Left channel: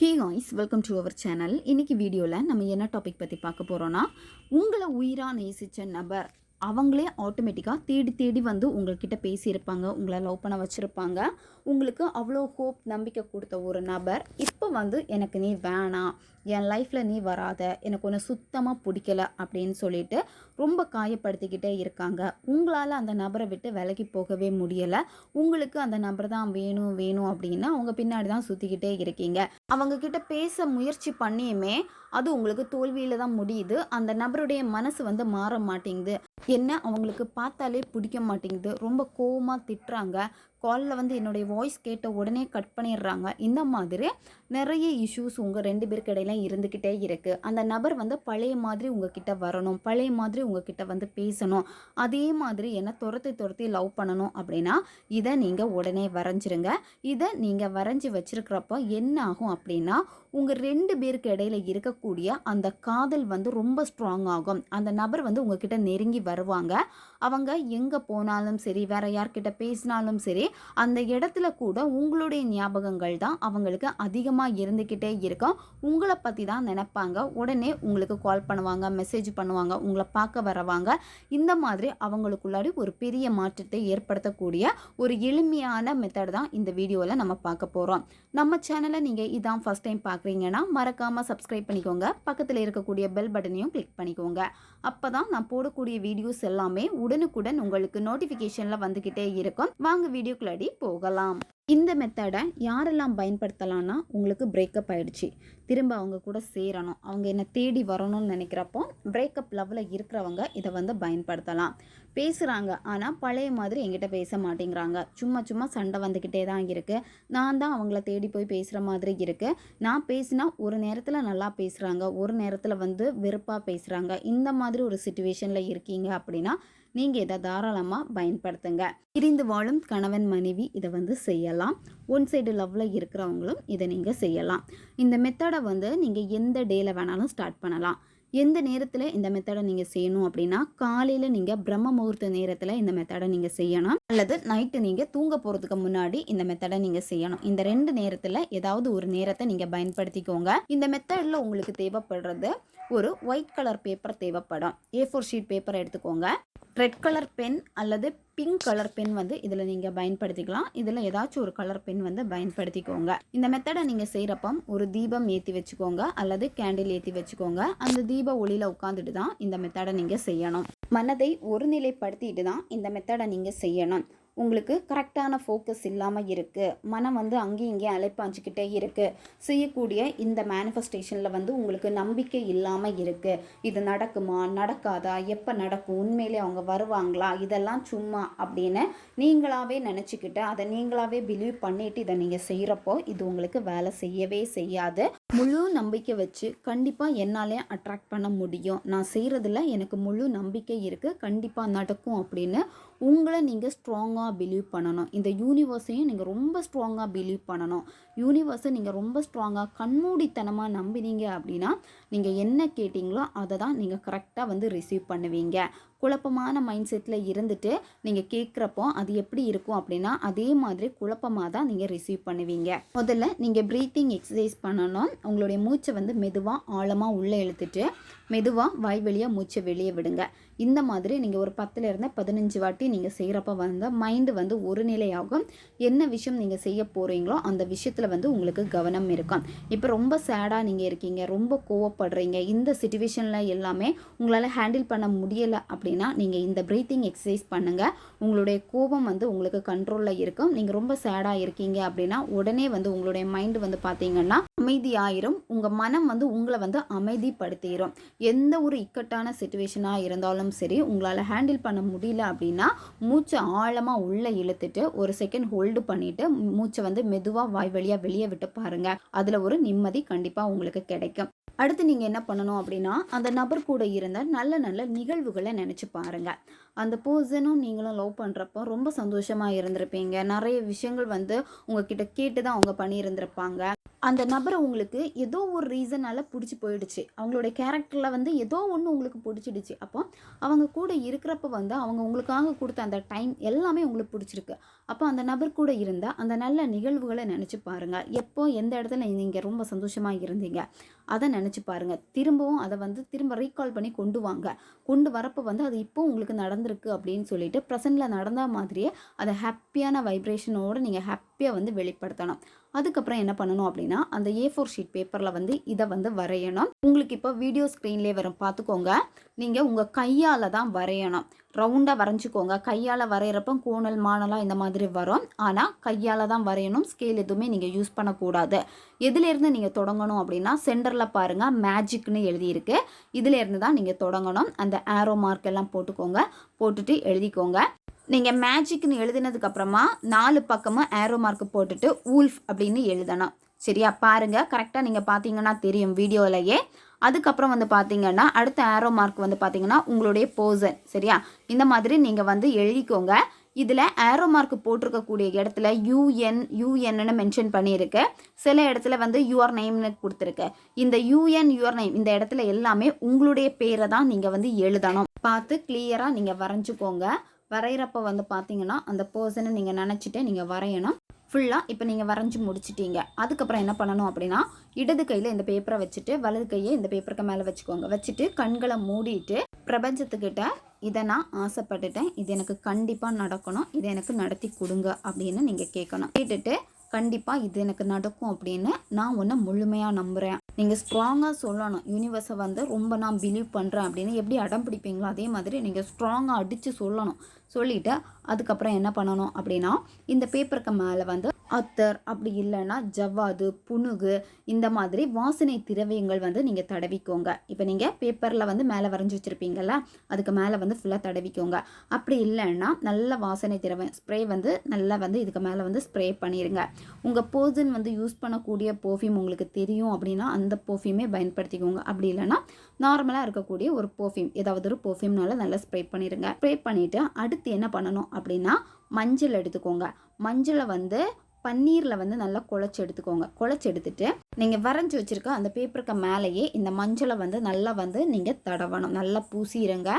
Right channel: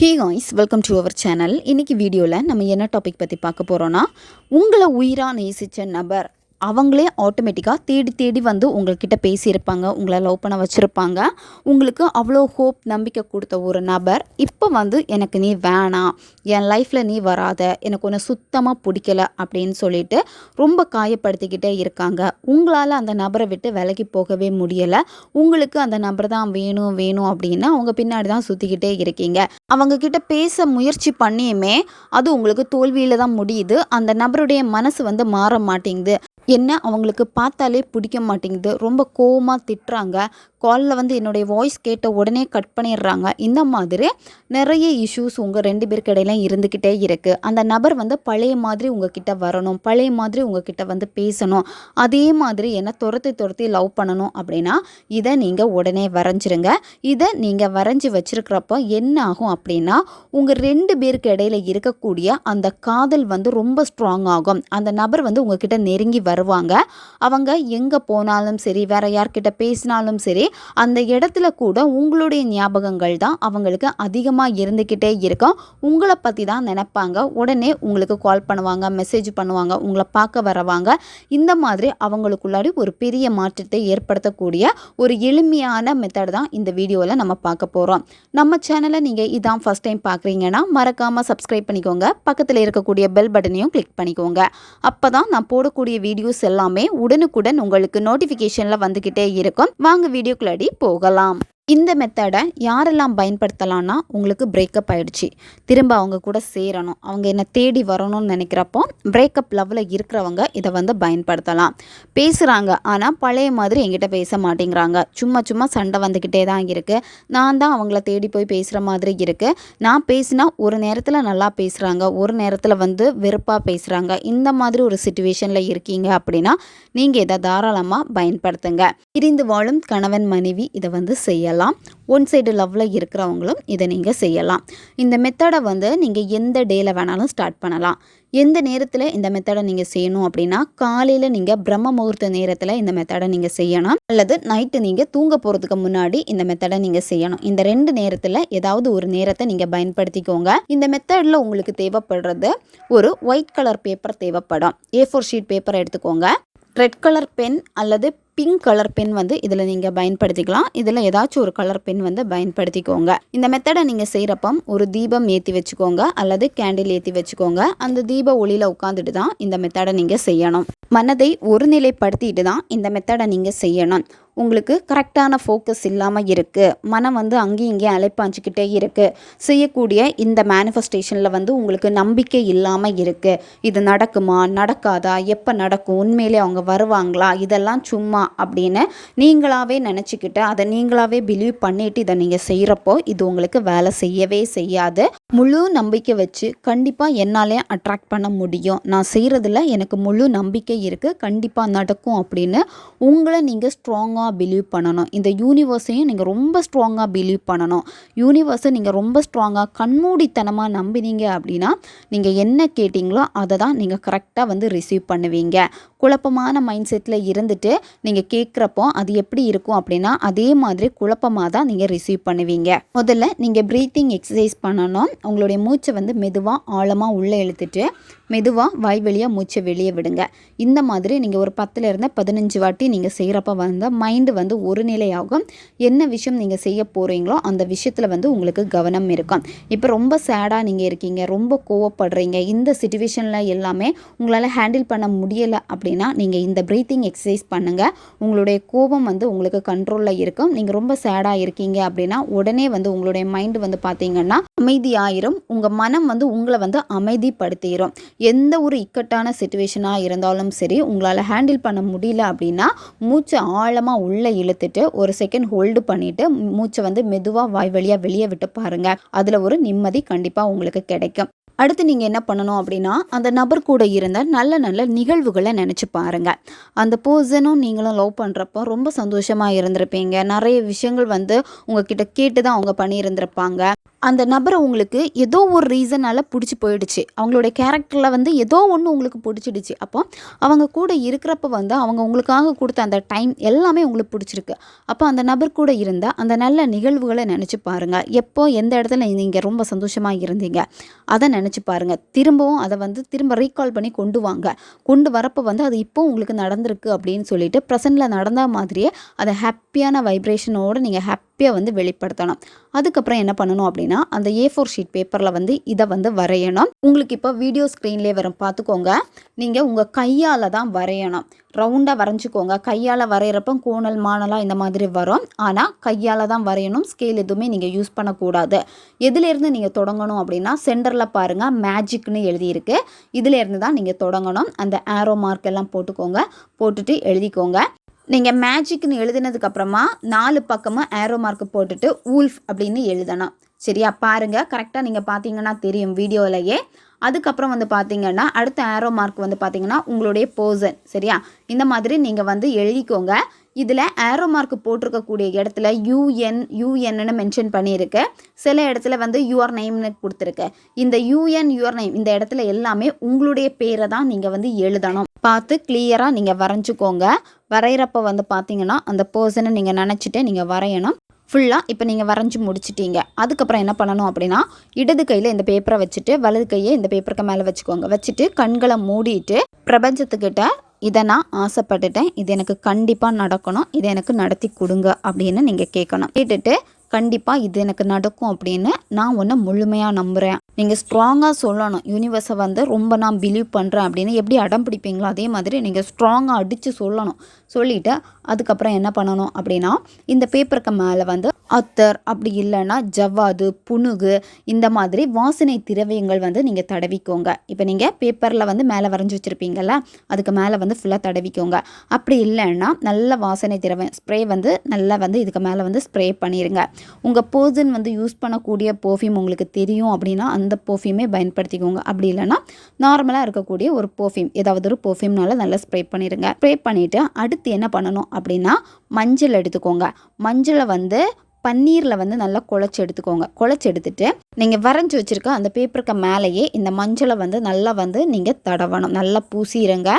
Hey guys, welcome to our channel. இன்றைக்கி வீடியோவில் நம்ம என்ன டாபிக் பற்றி பார்க்க போகிறோன்னா, உங்களை உயிராக நேசித்த நபர் அவங்களே ஆட்டோமேட்டிக்காக தேடி தேடி வந்து உங்கள்கிட்ட பேசியிருப்பாங்க, உங்களை லவ் பண்ண வச்சுருப்பாங்க. உங்களுக்கு அவ்வளோ ஹோப் நம்பிக்கை கொடுத்த ஒரு நபர் இப்போ வந்து எனக்கு நீ வேணாம், என் லைஃப்பில் நீ வராத, எனக்கு ஒன்று சுத்தமாக பிடிக்கல அப்படின்னு சொல்லிட்டு ரொம்ப காயப்படுத்திக்கிட்டே இருக்காங்க. உங்களால் அந்த நபரை விட்டு விலகி போகவே முடியலை. உங்களுக்கு அந்த நபர் தான் வேணும் வேணும் அப்படின்னு அவங்க பின்னாடி தான் சுற்றிக்கிட்டே இருக்கீங்க. அவங்கக்கிட்ட பேச முயற்சி பண்ணியுமே அது உங்களுக்கு தோல்வியில் தான் முடியுது. அந்த நபருடைய மனசு வந்து மாற மாட்டேங்குது. என்ன அவங்களுக்கு பார்த்தாலே பிடிக்க மாட்டேங்குது. ரொம்ப கோவமாக திட்டுறாங்க. காலில் வந்து என்னுடைய வாய்ஸ் கேட்ட உடனே கட் பண்ணிடுறாங்க. இந்த மாதிரி நிறைய இஷ்யூஸ் உங்கள் 2 பேருக்கு இடையில இருந்துக்கிட்டே இருக்குது. அந்த நபர் வந்து பழைய மாதிரி உங்ககிட்ட வரணும், பழைய மாதிரி உங்ககிட்ட வந்து பேசணும், அதே மாதிரி என்ன துரத்தி துரத்தி லவ் பண்ணணும் அப்படின்னா இதை நீங்கள் உடனே வரைஞ்சிருங்க. இதை நீங்கள் வரைஞ்சி வச்சுருக்கிறப்போ என்ன ஆகும் அப்படின்னா, உங்கள் 2 பேருக்கு இடையில இருக்கக்கூடிய அந்த காதல் வந்து ரொம்ப ஸ்ட்ராங் ஆகும். அந்த நபர் வந்து உங்ககிட்ட நெருங்கி வருவாங்க. அவங்க எங்கே போனாலும் சரி, வேற யார்கிட்ட பேசினாலும் சரி, அந்த இடத்துல கூட உங்களுடைய ஞாபகங்கள் தான் அவங்களுக்கு அதிகமாக இருந்துக்கிட்டே இருக்கும். உங்களை பற்றி தான் நினைப்பாங்க. உடனே உங்களுக்கு கால் பண்ணுவாங்க, மெசேஜ் பண்ணுவாங்க, உங்களை பார்க்க வரவாங்க. இந்த மாதிரி அவங்களுக்குள்ளாடி ஒரு பெரிய மாற்றத்தை ஏற்படுத்தக்கூடிய ஒரு எளிமையான மெத்தட் தான் இந்த வீடியோவில் நம்ம பார்க்க போகிறோம். நம்ம சேனலை நீங்கள் இதான் ஃபஸ்ட் டைம் பார்க்குறீங்கன்னா மறக்காமல் சப்ஸ்கிரைப் பண்ணிக்கோங்க. பக்கத்தில் இருக்கக்கூடிய பெல் பட்டனையும் கிளிக் பண்ணிக்கோங்க. அப்போ தான் நான் போடக்கூடிய வீடியோஸ் எல்லாமே உடனுக்குடன் உங்களுக்கு நோட்டிஃபிகேஷனில் வந்துக்கிட்டே இருக்கும். வாங்க வீடியோக்குள்ளாடி போகலாம். இந்த மெத்தடை யாரெல்லாம் பயன்படுத்தலான்னா, உங்களுக்கு பிரேக்கப் ஆகிடுச்சு, திரும்ப அவங்க கூட சேரணும், அவங்க என்னை தேடி வரணும்னு நினைக்கிறப்போ பிரேக்கப் லெவலில் இருக்கிறவங்க இதை வந்து பயன்படுத்தலாம். பேசுகிறாங்க, ஆனால் பழைய மாதிரி என்கிட்ட பேச மாட்டேங்கிறாங்க, சும்மா சும்மா சண்டை வந்துக்கிட்டே தான் இருக்குது, நான் தான் அவங்கள தேடி போய் பேசுகிற மாதிரி இருக்குது, நான் பேசினா ஒரு நேரத்தில் நல்லா பேசுகிறாங்க, ஒரு நேரத்தில் வந்து வெறுப்பாக பேசுகிறாங்க, இந்த மாதிரி ஒரு சிச்சுவேஷனில் இருக்கீங்க அப்படின்னா நீங்கள் இதை தாராளமாக பயன்படுத்துங்க. பிரிந்து வாழும் கணவன் மனைவி இதை வந்து செய்யலாம். ஒன் சைடு லவ்வில் இருக்கிறவங்களும் இதை நீங்கள் செய்யலாம். இந்த மெத்தடை வந்து நீங்கள் எந்த டேயில் வேணாலும் ஸ்டார்ட் பண்ணலாம். எந்த நேரத்தில் இந்த மெத்தடை நீங்கள் செய்யணும் அப்படின்னா, காலையில் நீங்கள் பிரம்ம முகூர்த்த நேரத்தில் இந்த மெத்தடை நீங்கள் செய்யணும், அல்லது நைட்டு நீங்கள் தூங்க போகிறதுக்கு முன்னாடி இந்த மெத்தடை நீங்கள் செய்யணும். இந்த 2 நேரத்தில் ஏதாவது ஒரு நேரத்தை நீங்கள் பயன்படுத்திக்கோங்க. இந்த மெத்தடில் உங்களுக்கு தேவைப்படுறது ஒரு ஒயிட் கலர் பேப்பர் தேவைப்படும். A4 ஷீட் பேப்பர் எடுத்துக்கோங்க. ரெட் கலர் பென் அல்லது பிங்க் கலர் பென் வந்து இதில் நீங்கள் பயன்படுத்திக்கலாம். இதில் ஏதாச்சும் ஒரு கலர் பென் வந்து பயன்படுத்திக்கோங்க. இந்த மெத்தடை நீங்கள் செய்கிறப்போ ஒரு தீபம் ஏற்றி வச்சுக்கோங்க, அல்லது கேண்டில் ஏற்றி வச்சுக்கோங்க. அந்த தீப ஒளியில் உட்காந்துட்டு தான் இந்த மெத்தடை நீங்கள் செய்யணும். மனதை ஒருநிலைப்படுத்திட்டு தான் இந்த மெத்தடை நீங்கள் செய்யணும். உங்களுக்கு கரெக்டான ஃபோக்கஸ் இல்லாமல் இருக்குது, மனம் வந்து அங்கேயும் இங்கேயும் அலைப்பாஞ்சிக்கிட்டே இருக்குது, செய்யக்கூடிய இந்த மேனிஃபெஸ்டேஷனில் வந்து உங்களுக்கு நம்பிக்கை இல்லாமல் இருக்குது, இது நடக்குமா நடக்காதா, எப்போ நடக்கும், உண்மையிலே அவங்க வருவாங்களா, இதெல்லாம் சும்மா அப்படின்னு நீங்களாகவே நினச்சிக்கிட்டு அதை நீங்களாகவே பிலீவ் பண்ணிவிட்டு இதை நீங்கள் செய்கிறப்போ இது உங்களுக்கு வேலை செய்யவே செய்யாது. முழு நம்பிக்கை வச்சு கண்டிப்பாக என்னாலே அட்ராக்ட் பண்ண முடியும், நான் செய்கிறதுல எனக்கு முழு நம்பிக்கை இருக்குது, கண்டிப்பாக நடக்கும் அப்படின்னு உங்களை நீங்கள் ஸ்ட்ராங்காக பிலீவ் பண்ணணும். இந்த யூனிவர்ஸையும் நீங்கள் ரொம்ப ஸ்ட்ராங்காக பிலீவ் பண்ணணும். யூனிவர்ஸை நீங்கள் ரொம்ப ஸ்ட்ராங்காக கண்மூடித்தனமாக நம்பினீங்க அப்படின்னா நீங்கள் என்ன கேட்டிங்களோ அதை தான் நீங்கள் கரெக்டாக வந்து ரிசீவ் பண்ணுவீங்க. குழப்பமான மைண்ட் செட்டில் இருந்துட்டு நீங்கள் கேட்குறப்போ அது எப்படி இருக்கும் அப்படின்னா அதே மாதிரி குழப்பமாக தான் நீங்கள் ரிசீவ் பண்ணுவீங்க. முதல்ல நீங்கள் ப்ரீத்திங் எக்ஸசைஸ் பண்ணணும். உங்களுடைய மூச்சை வந்து மெதுவாக ஆழமாக உள்ளே இழுத்துட்டு மெதுவாக வாய் வழியாக மூச்சை வெளியே விடுங்க. இந்த மாதிரி நீங்கள் ஒரு 10 to 15 வாட்டி நீங்கள் செய்கிறப்ப வந்து மைண்டு வந்து ஒரு நிலையாகும். என்ன விஷயம் நீங்கள் செய்ய போகிறீங்களோ அந்த விஷயத்தில் வந்து உங்களுக்கு கவனம் இருக்கும். இப்போ ரொம்ப சேடாக நீங்கள் இருக்கீங்க, ரொம்ப கோவப்படுறீங்க, இந்த சிச்சுவேஷனில் எல்லாமே உங்களால் ஹேண்டில் பண்ண முடியலை அப்படின்னா நீங்கள் இந்த ப்ரீத்திங் எக்ஸசைஸ் பண்ணுங்கள். உங்களுடைய கோபம் வந்து உங்களுக்கு கண்ட்ரோலில் இருக்கும். நீங்கள் ரொம்ப சேடாக இருக்கீங்க அப்படின்னா உடனே வந்து உங்களுடைய மைண்டு வந்து பார்த்தீங்கன்னா அமைதியாயிரும். உங்கள் மனம் வந்து உங்களை வந்து அமைதிப்படுத்திடும். எந்த ஒரு இக்கட்டான சிச்சுவேஷனாக இருந்தாலும் சரி, உங்களால் ஹேண்டில் பண்ண முடியல அப்படின்னா மூச்சை ஆழமாக உள்ளே இழுத்துட்டு ஒரு செகண்ட் ஹோல்டு பண்ணிவிட்டு மூச்சை வந்து மெதுவாக வாய் வழியாக வெளியே விட்டு பாருங்கள். அதில் ஒரு நிம்மதி கண்டிப்பாக உங்களுக்கு கிடைக்கும். அடுத்து நீங்கள் என்ன பண்ணணும் அப்படின்னா, அந்த நபர் கூட இருந்த நல்ல நல்ல நிகழ்வுகளை நினச்சி பாருங்கள். அந்த பர்சனும் நீங்களும் லவ் பண்ணுறப்போ ரொம்ப சந்தோஷமாக இருந்திருப்பீங்க. நிறைய விஷயங்கள் வந்து உங்ககிட்ட கேட்டு தான் அவங்க பண்ணியிருந்திருப்பாங்க. அந்த நபரை உங்களுக்கு ஏதோ ஒரு ரீசனால் பிடிச்சி போயிடுச்சு. அவங்களுடைய கேரக்டரில் வந்து ஏதோ ஒன்று உங்களுக்கு பிடிச்சிடுச்சு. அப்போ அவங்க கூட இருக்கிறப்ப வந்து அவங்க உங்களுக்காக கொடுத்த அந்த டைம் எல்லாமே உங்களுக்கு பிடிச்சிருக்கு. அப்போ அந்த நபர் கூட இருந்த அந்த நல்ல நிகழ்வுகளை நினச்சி பாருங்கள். எப்போ எந்த இடத்துல நீங்கள் ரொம்ப சந்தோஷமாக இருந்தீங்க அதை நினச்சி பாருங்கள். திரும்பவும் அதை வந்து திரும்ப ரீகால் பண்ணி கொண்டு வாங்க. கொண்டு வரப்போ வந்து அது இப்போ உங்களுக்கு நடந்திருக்கு அப்படின்னு சொல்லிட்டு ப்ரெசென்ட்டில் நடந்த மாதிரியே அதை ஹாப்பியான வைப்ரேஷனோடு நீங்கள் ஹாப்பியாக வந்து வெளிப்படுத்தணும். அதுக்கப்புறம் என்ன பண்ணணும் அப்படின்னா, அந்த A4 ஷீட் பேப்பரில் வந்து இதை வந்து வரையணும். உங்களுக்கு இப்போ வீடியோ ஸ்க்ரீன்லேயே வரும், பார்த்துக்கோங்க. நீங்கள் உங்கள் கையால் தான் வரையணும். ரவுண்டாக வரைஞ்சிக்கோங்க. கையால் வரைகிறப்ப கோணல் மாணலாக இந்த மாதிரி வரும். ஆனால் கையால் தான் வரையணும். ஸ்கேல் எதுவுமே நீங்கள் யூஸ் பண்ணக்கூடாது. எதுலேருந்து நீங்கள் தொடங்கணும் அப்படின்னா, சென்டரில் பாருங்கள் மேஜிக்னு எழுதியிருக்கு. இதிலேருந்து தான் நீங்கள் தொடங்கணும். அந்த ஆரோ மார்க் எல்லாம் போட்டுக்கோங்க. போட்டுட்டு எழுதிக்கோங்க. நீங்கள் மேஜிக்னு எழுதினதுக்கப்புறமா 4 பக்கமும் ஆரோ மார்க் போட்டுட்டு ஊல்ஃப் அப்படின்னு எழுதணும். சரியா? பாருங்கள், கரெக்டாக நீங்கள் பார்த்தீங்கன்னா தெரியும் வீடியோவிலையே. அதுக்கப்புறம் வந்து பார்த்தீங்கன்னா அடுத்த ஆரோ மார்க் வந்து பார்த்தீங்கன்னா உங்களுடைய பர்சன். சரியா? இந்த மாதிரி நீங்கள் வந்து எழுதிக்கோங்க. இதில் ஆரோ மார்க் போட்டிருக்கக்கூடிய இடத்துல யூஎன்னு மென்ஷன் பண்ணியிருக்கு. சில இடத்துல வந்து யுவர் நேம்னு கொடுத்துருக்கு. இந்த யுவர் நேம் இந்த இடத்துல எல்லாமே உங்களுடைய பேரை தான் நீங்கள் வந்து எழுதணும். பார்த்து கிளியராக நீங்கள் வரைஞ்சிக்கோங்க. வரைகிறப்ப வந்து பார்த்தீங்கன்னா அந்த பர்சனை நீங்கள் நினச்சிட்டு நீங்கள் வரையணும். ஃபுல்லாக இப்போ நீங்கள் வரைஞ்சி முடிச்சிட்டீங்க. அதுக்கப்புறம் என்ன பண்ணணும் அப்படின்னா, இடது கையில் இந்த பேப்பரை வச்சுட்டு வலது கையை இந்த பேப்பருக்கு மேலே வச்சுக்கோங்க. வச்சுட்டு கண்களை மூடிட்டு பிரபஞ்சத்துக்கிட்ட இதை நான் ஆசைப்பட்டுட்டேன், இது எனக்கு கண்டிப்பாக நடக்கணும், இதை எனக்கு நடத்தி கொடுங்க அப்படின்னு நீங்கள் கேட்கணும். கேட்டுட்டு கண்டிப்பாக இது எனக்கு நடக்கும் அப்படின்னு நான் ஒன்று முழுமையாக நம்புகிறேன். நீங்கள் ஸ்ட்ராங்காக சொல்லணும். யூனிவர்ஸை வந்து ரொம்ப நான் பிலீவ் பண்ணுறேன் அப்படின்னு எப்படி அடம் பிடிப்பீங்களோ அதே மாதிரி நீங்கள் ஸ்ட்ராங்காக அடித்து சொல்லணும். சொல்லிவிட்டு அதுக்கப்புறம் என்ன பண்ணணும் அப்படின்னா, இந்த பேப்பருக்கு மேலே வந்து அத்தர் அப்படி இல்லைன்னா ஜவ்வாது, புனுகு இந்த மாதிரி வாசனை திரவியங்கள் வந்து நீங்கள் தடவிக்கோங்க. இப்போ நீங்கள் பேப்பரில் வந்து மேலே வரைஞ்சி வச்சுருப்பீங்கள்ல, அதுக்கு மேலே வந்து ஃபுல்லாக தடவிக்கோங்க. அப்படி இல்லைன்னா நல்ல வாசனை திரவியம் ஸ்ப்ரே வந்து நல்லா வந்து இதுக்கு மேலே வந்து ஸ்ப்ரே பண்ணிடுங்க. உங்கள் பர்சன் வந்து யூஸ் பண்ணக்கூடிய பர்ஃப்யூம் உங்களுக்கு தெரியும் அப்படின்னா அந்த பர்ஃப்யூமே பயன்படுத்திக்கோங்க. அப்படி இல்லைன்னா நார்மலாக இருக்கக்கூடிய ஒரு பர்ஃப்யூம் ஏதாவது ஒரு பர்ஃப்யூம்னால நல்லா ஸ்ப்ரே பண்ணிடுங்க. ஸ்ப்ரே பண்ணிவிட்டு அடுத்து என்ன பண்ணணும் அப்படின்னா, மஞ்சள் எடுத்துக்கோங்க. மஞ்சளை வந்து பன்னீரில் வந்து நல்லா குழச்சி எடுத்துக்கோங்க. குழச்சி எடுத்துட்டு நீங்கள் வரைஞ்சி வச்சுருக்க அந்த பேப்பருக்கு மேலேயே இந்த மஞ்சளை வந்து நல்லா வந்து நீங்கள் தடவணும். நல்லா பூசிடுங்க.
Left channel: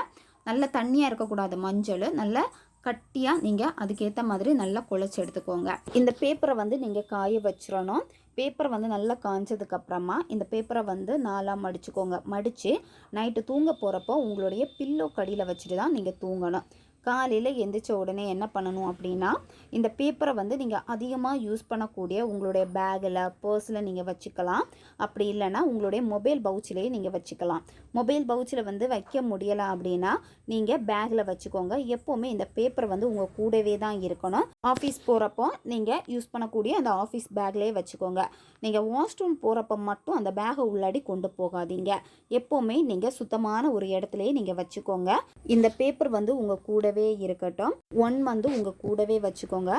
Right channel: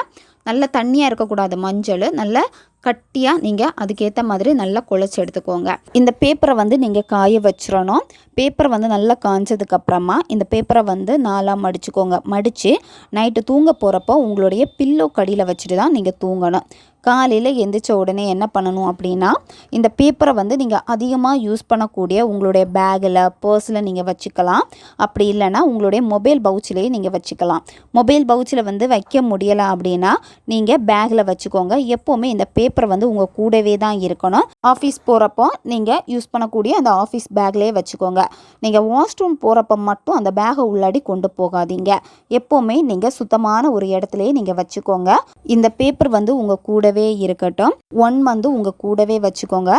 நல்லா தண்ணியாக இருக்கக்கூடாது. மஞ்சள் நல்லா கட்டியாக நீங்கள் அதுக்கேற்ற மாதிரி நல்லா குழச்சி எடுத்துக்கோங்க. இந்த பேப்பரை வந்து நீங்கள் காய வச்சிடணும். பேப்பரை வந்து நல்லா காய்ஞ்சதுக்கப்புறமா இந்த பேப்பரை வந்து 4ஆக மடிச்சுக்கோங்க. மடித்து நைட்டு தூங்க போகிறப்போ உங்களுடைய பில்லோ கடியில் வச்சுட்டு தான் நீங்கள் தூங்கணும். காலையில் எந்திரிச்ச உடனே என்ன பண்ணணும் அப்படின்னா, இந்த பேப்பரை வந்து நீங்கள் அதிகமாக யூஸ் பண்ணக்கூடிய உங்களுடைய பேக்கில் பர்ஸில் நீங்கள் வச்சுக்கலாம். அப்படி இல்லைன்னா உங்களுடைய மொபைல் பவுச்சிலேயே நீங்கள் வச்சுக்கலாம். மொபைல் பவுச்சில் வந்து வைக்க முடியலை அப்படின்னா நீங்கள் பேக்கில் வச்சுக்கோங்க. எப்போவுமே இந்த பேப்பரை வந்து உங்கள் கூடவே தான் இருக்கணும். ஆஃபீஸ் போகிறப்போ நீங்கள் யூஸ் பண்ணக்கூடிய அந்த ஆஃபீஸ் பேக்லேயே வச்சுக்கோங்க. நீங்கள் வாஷ்ரூம் போகிறப்ப மட்டும் அந்த பேகை உள்ளாடி கொண்டு போகாதீங்க. எப்போவுமே நீங்கள் சுத்தமான ஒரு இடத்துலையே நீங்கள் வச்சுக்கோங்க. இந்த பேப்பர் வந்து உங்கள் கூடவே இருக்கட்டும். 1 மந்த் உங்கள் கூடவே வச்சுக்கோங்க.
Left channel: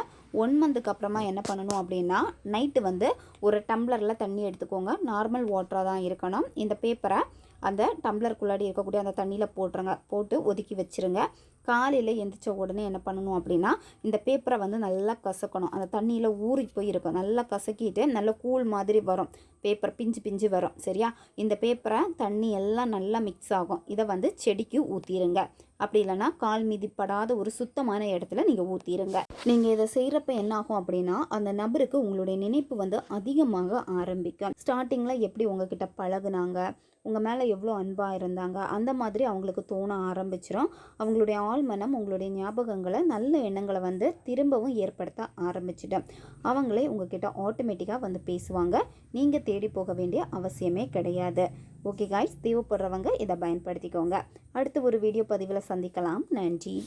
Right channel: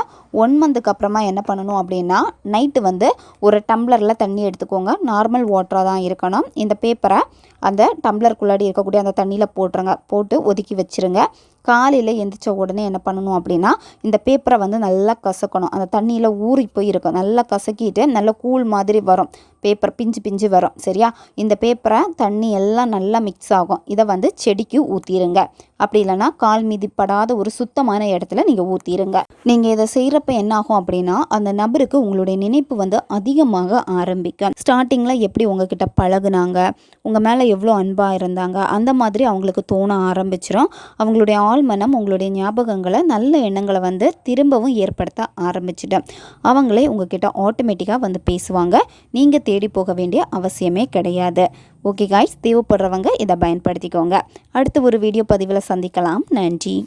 1 மந்த்துக்கு அப்புறமா என்ன பண்ணணும் அப்படின்னா, நைட்டு வந்து ஒரு டம்ளரில் தண்ணி எடுத்துக்கோங்க. நார்மல் வாட்டராக தான் இருக்கணும். இந்த பேப்பரை அந்த டம்ளருக்குள்ளாடி இருக்கக்கூடிய அந்த தண்ணியில் போட்டுருங்க. போட்டு ஒதுக்கி வச்சுருங்க. காலையில் எந்திரிச்ச உடனே என்ன பண்ணணும் அப்படின்னா, இந்த பேப்பரை வந்து நல்லா கசக்கணும். அந்த தண்ணியில் ஊறி போயிருக்கும். நல்லா கசக்கிட்டு நல்ல கூழ் மாதிரி வரும். பேப்பர் பிஞ்சு பிஞ்சு வரும். சரியா? இந்த பேப்பரை தண்ணி எல்லாம் நல்லா மிக்ஸ் ஆகும். இதை வந்து செடிக்கு ஊற்றிடுங்க. அப்படி இல்லைன்னா கால் மிதிப்படாத ஒரு சுத்தமான இடத்துல நீங்கள் ஊற்றிடுங்க. நீங்கள் இதை செய்கிறப்ப என்ன ஆகும் அப்படின்னா, அந்த நபருக்கு உங்களுடைய நினைப்பு வந்து அதிகமாக ஆரம்பிக்கும். ஸ்டார்டிங்கில் எப்படி உங்ககிட்ட பழகுனாங்க, உங்கள் மேலே எவ்வளோ அன்பாக இருந்தாங்க, அந்த மாதிரி அவங்களுக்கு தோண ஆரம்பிச்சிடும். அவங்களுடைய ஆழ்மனம் உங்களுடைய ஞாபகங்களை நல்ல எண்ணங்களை வந்து திரும்பவும் ஏற்படுத்த ஆரம்பிச்சிடும். அவங்களே உங்ககிட்ட ஆட்டோமேட்டிக்காக வந்து பேசுவாங்க. நீங்கள் தேடி போக வேண்டிய அவசியமே கிடையாது. ஓகே காய்ஸ், தேவைப்படுறவங்க இதை பயன்படுத்திக்கோங்க. அடுத்து ஒரு வீடியோ பதிவில் சந்திக்கலாம். நன்றி.